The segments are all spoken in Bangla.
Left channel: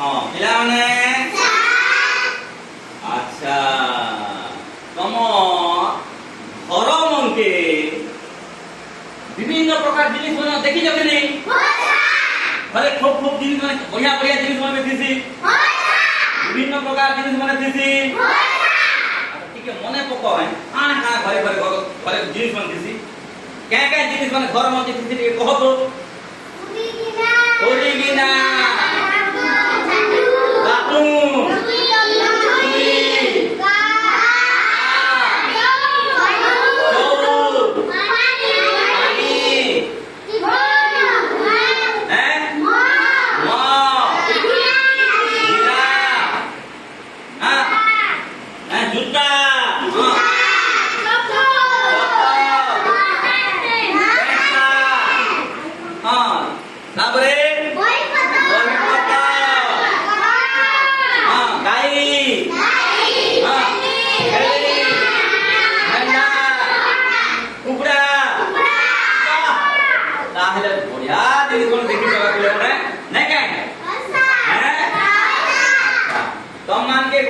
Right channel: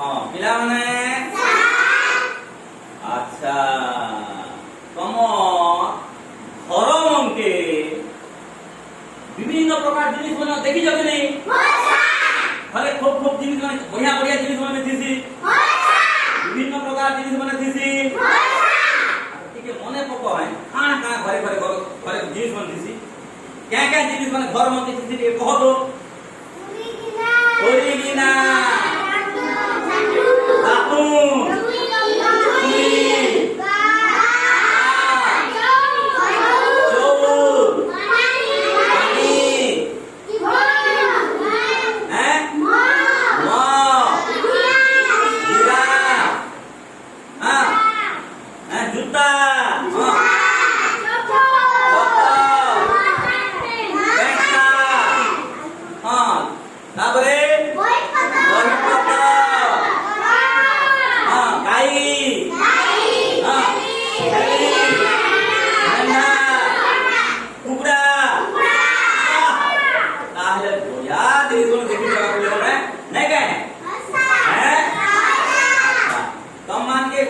ପିଲାମାନେ ଆଚ୍ଛା ତମ ଘର ମଙ୍କେ ବିଭିନ୍ନ ପ୍ରକାର ଜିନିଷ ମାନେ ଦେଖିଛ କି ନାହିଁ? ଘରେ ଖୁବ ଖୁବ ଜିନିଷ ମାନେ ବଢିଆ ବଢିଆ ଜିନିଷ ମାନେ ଥିସି, ବିଭିନ୍ନ ପ୍ରକାର ଜିନିଷ ମାନେ ଥିସି। ଟିକେ ମନେ ପକାଏ କାଣା କାଣା ଘରେ ଘରେ ଘରେ ଜିନିଷ ମାନେ ଥିସି, କାଁ କାଁ ଜିନିଷ ମାନେ ଘର ମଙ୍କେ ଥିସି ଟିକେ କହ ତ। ଓରିଗିନା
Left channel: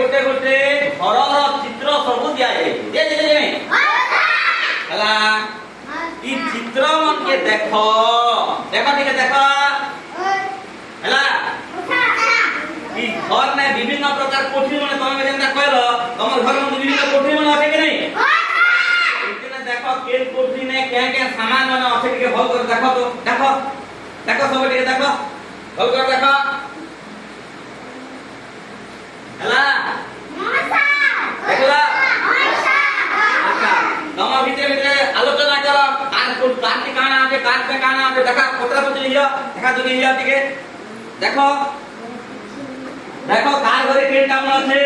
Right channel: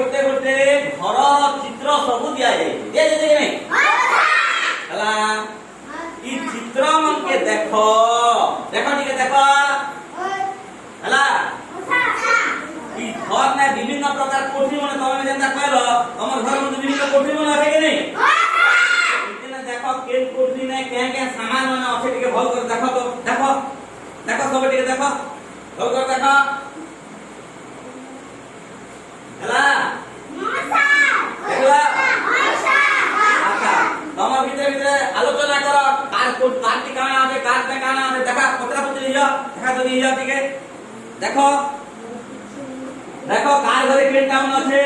गोटे गोटे घर चित्र सब दिया चित्र मन के देख देख ठीक देख घर में विभिन्न प्रकार कोठरी मन तुम जेंता कहल तुम घर में विभिन्न कोठरी मन আছে कि नहीं? देख के कोठरी ने क्या क्या सामान मन আছে टिके भल कर देख तो देख देख सब टिके देख भल कर देख हला देखला अच्छा तुम भीतर भीतर आलोचना करो कार की काना আছে कार पे काना আছে देखा पत्रा पत्री लिया देखा तो लिया टिके देखो देखो कार घरे के टाउन আছে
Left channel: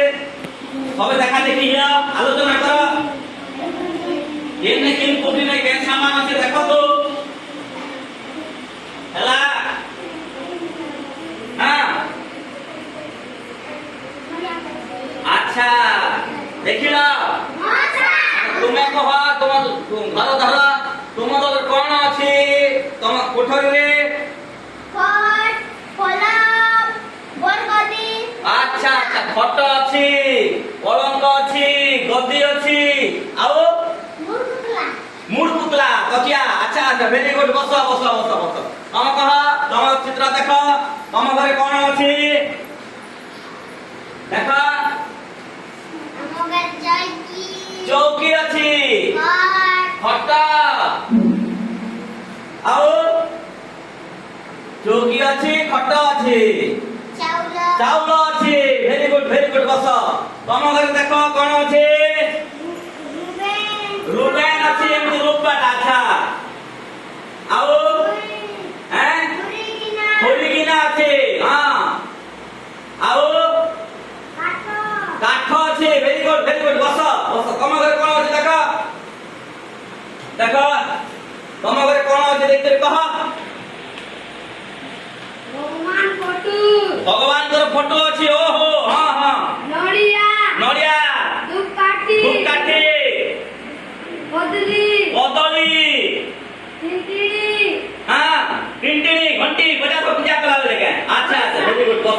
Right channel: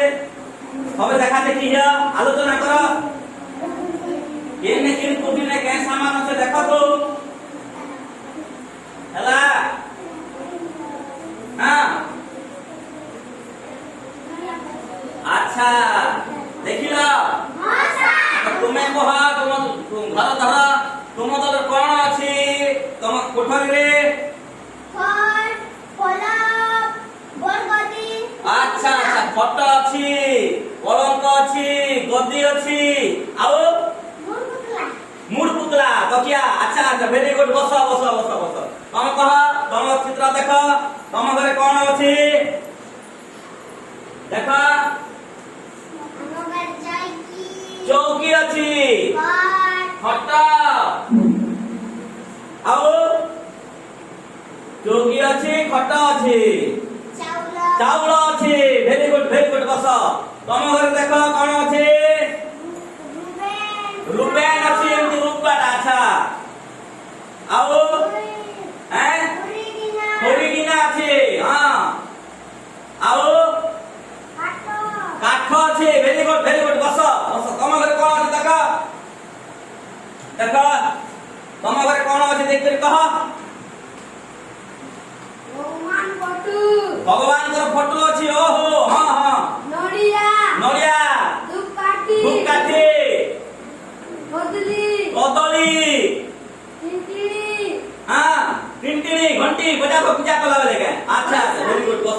সবে দেখা দেখি লিয়া আলোচনা করো এনে কিন কোঠরি না কেন সামান আছে দেখো তো হলা হ্যাঁ अच्छा देखिल तुम्हें कह तुम घर धर तुम तो कौन अच्छी तुम कोठरी अच्छा अच्छा खट अच्छी पलंक अच्छी गद्दी अच्छी आउ मुड़ पुतला तकिया अच्छा अच्छा वेरी गुड बस बस बस बस तुम कह तुम चित्र देख तुम घरे कौन अच्छी देख चौकी अच्छी खटा आओ चौकी अच्छी खटा अच्छी चाउल अच्छी वेरी गुड बस तुम घर देख कौन अच्छी रुटेन अच्छी रूपटा अच्छा आओ हैं थोड़ी गिना अच्छी हाँ आओ काठ अच्छे वेरी गुड बस बस तुम घर कौन अच्छे देख देख तुम घर कौन अच्छे देख कह भगवान का फोटो अच्छी ओहो हाँ हाँ नड़िया नड़िया धूपकाठी कदली टिंटिणी हाँ टिंटिणी घंटी बजा को पूजा कला लेके अच्छा अच्छा वेरी गुड बस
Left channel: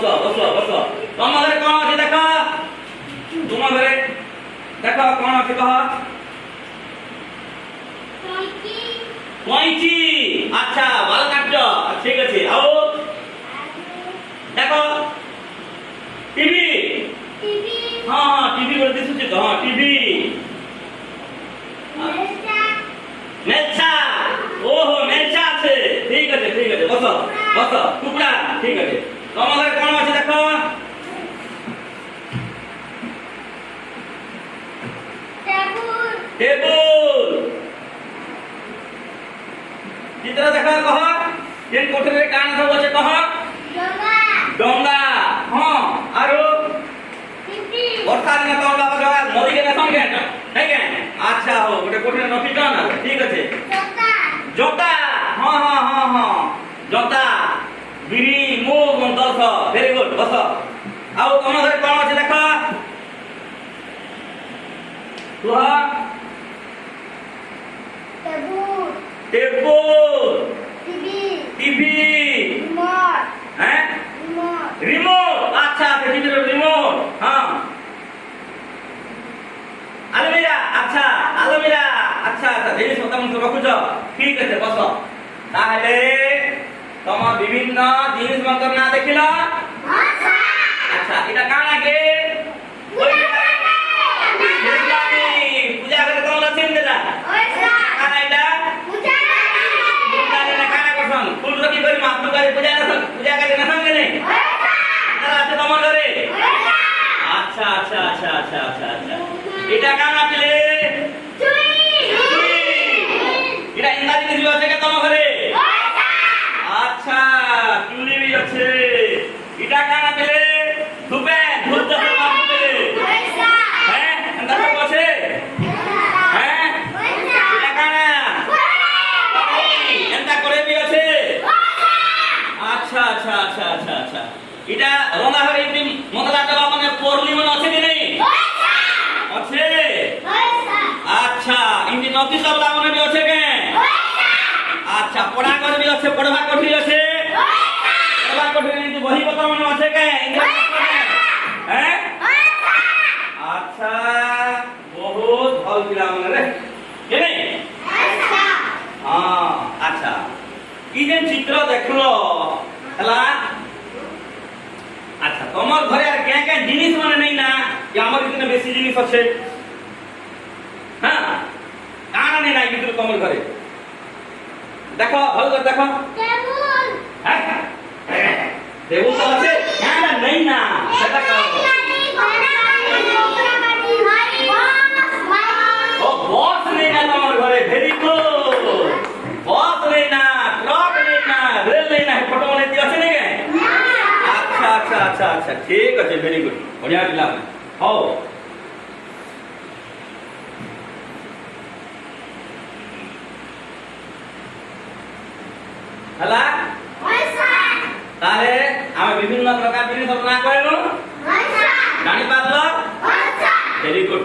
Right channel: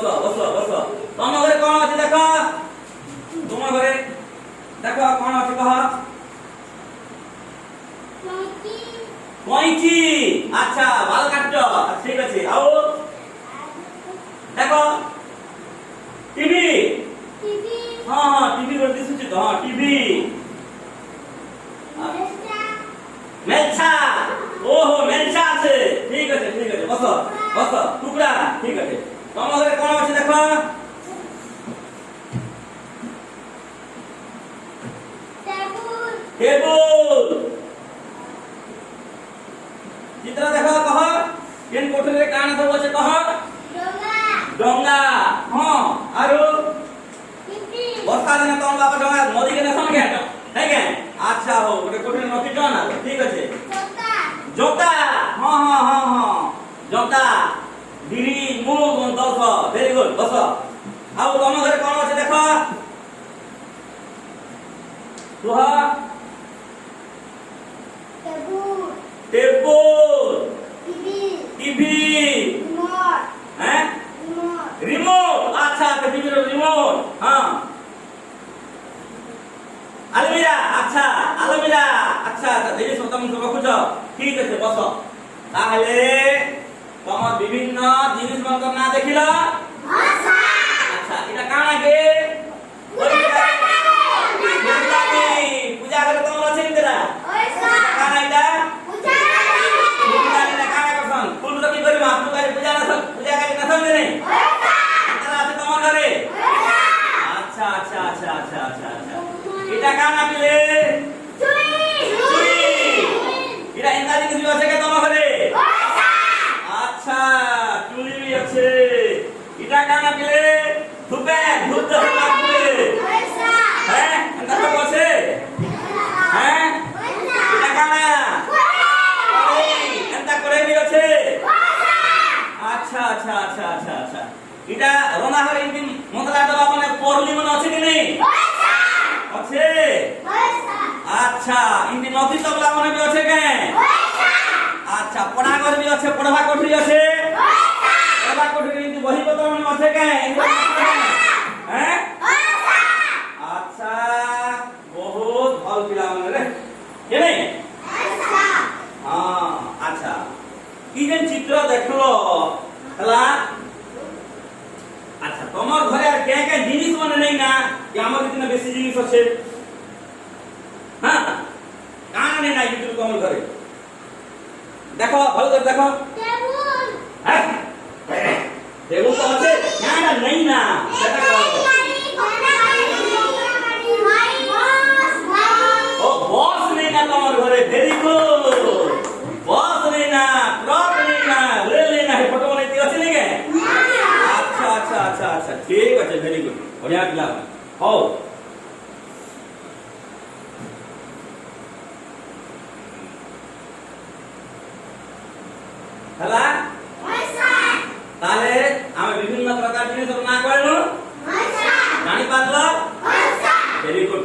बस तुम घर कौन अच्छे देख तुम घरे देख कौन अच्छे कह कैंची अच्छा बाल काट ठीक अच्छे आओ देखो टीवी हाँ हाँ टीवी बोल दिसुची तो हाँ टीवी मेलछा ओहो मेलछा আছে ठीक আছে बस बस टुकड़ा ठीक আছে तुम घरे कौन अच्छे देख टेबुल चित्र देख कह केन कोठरी रे काना सब আছে कह डोंगा हां आरो वर्षा दिन तो बाबा डोंगा नदी के संगे ठीक है अच्छा हो गोटे कोठरी नथी ना ठीक আছে जोता हां हां हां हां जोता बिरी मुग दस वेरी गुड बस आउ तुम घरे कौन আছে देख तुह टेबुल टीवी रिमोट हैं रिमोट আচ্ছা আচ্ছা জিনিস তুমি রখুছ ঠিক আছে বস তাহলে তোমার বিভিন্ন জিনিস মন্তর না দেখিল আচ্ছা এটা কাণ আগে পূজা করে কোন লছিন দেলা কাণ এটা ফুলদানি না কাণ করছন ফুল কি করি মা আপনি করে পূজা করে না সঙ্গে নেই তারা আছে তোমার ঘরে আচ্ছা আচ্ছা আচ্ছা আচ্ছা আচ্ছা আচ্ছা এটা কাণ আপনি এটা ইংরাজি জিনিস আছে কে তোমার ঘরে আচ্ছা চুলি भी আছে এটা কানা পেলে ধুপে ধুপ দাও বাপরে হ্যাঁ এটা সব আছে হ্যাঁ এটা কানা এটা করে भी আছে আচ্ছা আচ্ছা আচ্ছা আচ্ছা আচ্ছা এটা রনা হরে ইমনি মতলা দেবা মানে পরলি মনে আছে কি নেই আছে আচ্ছা ইমনি নতি তবলা মনে भी আছে কে আচ্ছা পড়া করে भी আছে পড়বা কোঠরি আছে পড়বা কোঠরি কিন্তু বহি পত্র মনে আছে কে ইংরেজি হ্যাঁ আচ্ছা বহুত ভাল পিলা মনে রে কে নেই হ্যাঁ আচ্ছা ই যে চিত্র দেখলো হলা আচ্ছা তোমার ঘরে আর কে কে জিনিস মানে নেই না যে আমার এখানে বেশি জিনিস আছে হ্যাঁ কান নেই না ভিতরে তোমার ঘরে দেখো ভালো করে দেখো হ্যাঁ টেবুল তো আছে না নেই না সেটা করো ও বস নেই না তোমার ঘরে ভেরি গুড বস নেই না ট্রাক নেই না রেল নেই না ফটো মনে দিয়ে আছে নাকি আচ্ছা আচ্ছা আচ্ছা আচ্ছা ঠিক আছে ভেরি গুড বঢ়িয়া পিলা হও হলা তাহলে আমি বিভিন্ন প্রকার জিনিস না করেন জানি পারল ভেরি গুড